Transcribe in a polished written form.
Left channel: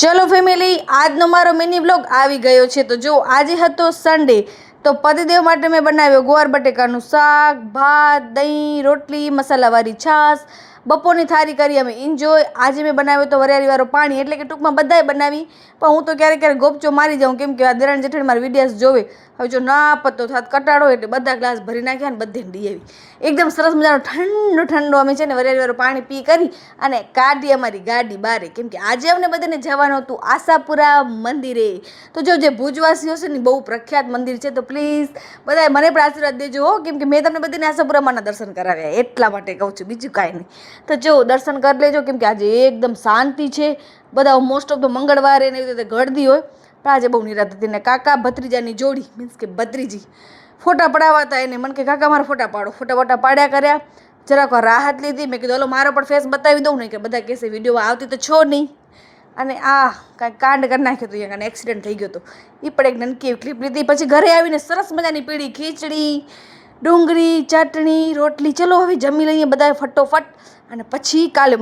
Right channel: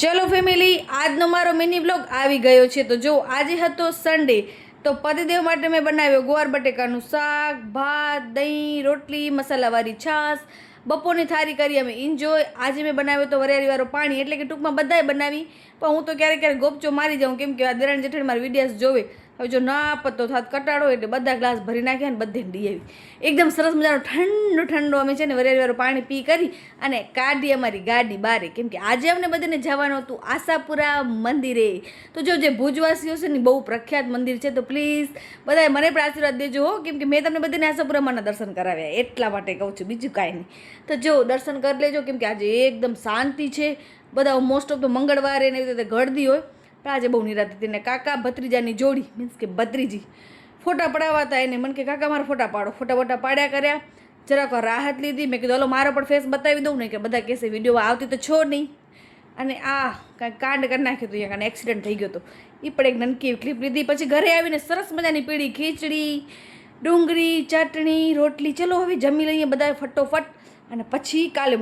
ચલો ફેમિલી, આજનો મારો મિની વ્લોગ આવી ગયો છે. તો જો આજે હતો સન્ડે, તો પતિદેવ માટે મેં બનાવ્યો ગુવાર બટેકાનું શાક, ભાત, દહીં, રોટલી, મસાલાવાળી છાશ. બપોરની થાળી કરી અમે એન્જોય. આજે મેં બનાવ્યો તો વરિયાળીવાળો પાણી, એટલે કે ટૂંકમાં બધાએ બનાવી, પણ હું તો ક્યારેક ક્યારેક ગોપચો મારી જાઉં, કેમ કે આ દેરાણી જેઠાણી મારા વિડીયાસ જોવે. હવે જો ના પત્તો થાત કટાડો એટલે બધા ગ્લાસ ભરી નાખ્યા ને બધે ડી આવી. એકદમ સરસ મજાનો ઠંડો ઠંડો અમે છે ને વરિયાળીવાળું પાણી પી કરી અને કાઢી અમારી ગાડી બારે, કેમ કે આજે અમને બધાને જવાનું હતું આશાપુરા મંદિરે. તો જો જે ભુજવાસીઓ છે ને બહુ પ્રખ્યાત મંદિર છે, તો પ્લીઝ બધાએ મને પણ આશીર્વાદ દેજો હો, કેમ કે મેં તમને બધાને આશાપુરામાંના દર્શન કરાવ્યા, એટલા માટે કહું છું, બીજું કાંઈ નહીં. તો જો દર્શન કરી લેજો, કેમ કે આજે એકદમ શાંતિ છે. બધા મોસ્ટ ઓફ તો મંગળવારે ને એવી રીતે ગળદી હોય, પણ આજે બહુ નિરાત હતી. ને કાકા ભત્રીજાની જોડી, મીન્સ કે ભત્રીજી ફોટા પડાવતા એને મને કે કાકા મારા ફોટા પાડો. ફોટા પાડ્યા કર્યા, જરાક રાહત લીધી. મેં કીધું હલો મારો પણ ફેસ બતાવી દઉં ને, કે બધા કહેશે વિડીયોમાં આવતી તો છો નહીં. અને કાંઈ કાંડ કરી નાખ્યો હતો, અહીંયા કાંઈ એક્સિડન્ટ થઈ ગયો હતો. એ પણ એક નનકી એવી ક્લિપ લીધી. પછી ઘરે આવીને સરસ મજાની પીળી ખીચડી, ડુંગળી, ચટણી, રોટલી. ચલો હવે જમી લઈએ બધા ફટોફટ, અને પછી કાલે